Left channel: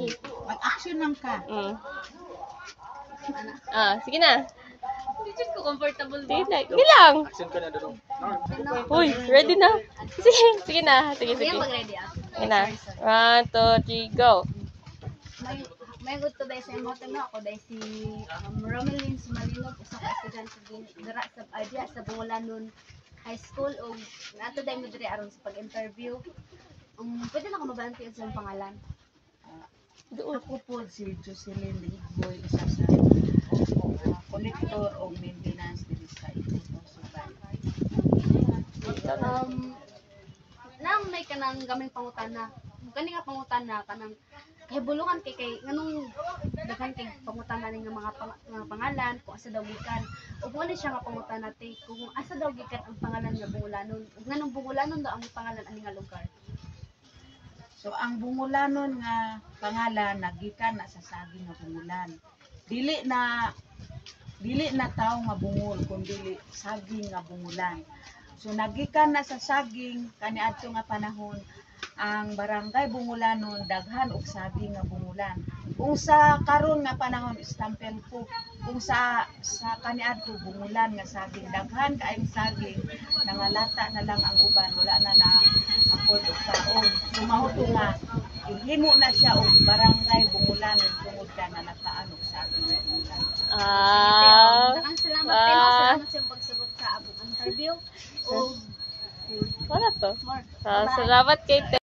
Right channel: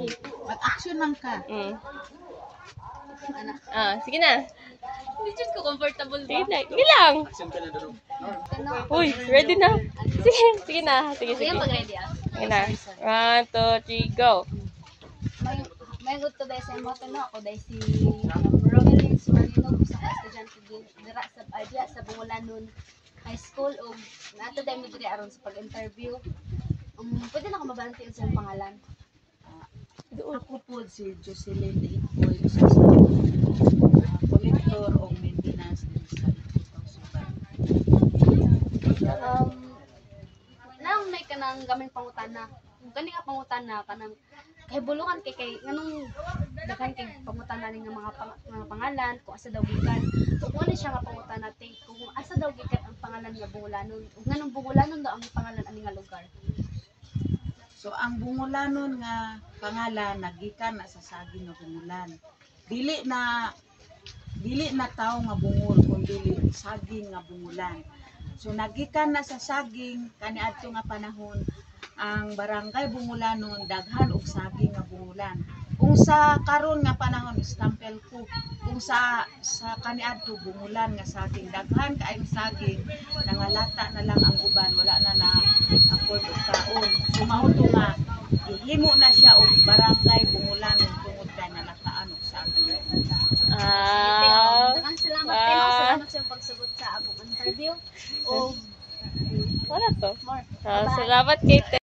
Okay. Mag-action lang ka. Sige na. Hindi dyan ko comfortable ba? Sige na. Sige lang. Uy, ready na. Sige na. Sige. Mag-ready ah. Sige na. 1, 2, 3, go. May good to dahil sa emote no ako dahil si Romelyn Sumalinog sa estudyante din dira sa idea sa Bungolanon High School o nato dahil mo diri aron sa pag-interview. Pwede na ako mabanti sa iyong pangalan. Ako po si Jocelyn Ikoy, isa sa collector o maintenance din sa Itutong Suban. Nang may kanang gaming pangutana. Kani nga pangutana kanang kay bulungan kay nganong daghan kay pangutana ning mga pangalan kung asa daw gikan. Ug mo ni siya nga pangutana tay kung asa daw gikan ang pangalan nga Bungolanon. Ug nganong Bungolanon daw ang pangalan ani nga lugar. So ang Bungolanon nga pangalan nagikan na sa saging nga bungulan. Dili na tao nga bungol kundi saging nga bungulan. So nagikan na sa saging kaniadto nga panahon ang barangay Bungolanon daghan og saging nga bungulan. Kung sa karon nga panahon istampel ko kung sa kaniadto bungulan nga saging daghan kaayong saging nangalata na lang ang uban wala na afford og taon. So mao to nga ihimo na siya og barangay Bungolanon tungod kay nalataan og saging nga bungulan. Salamat sa pagsugot sa abong interview. O Wala to. more. Salamat kay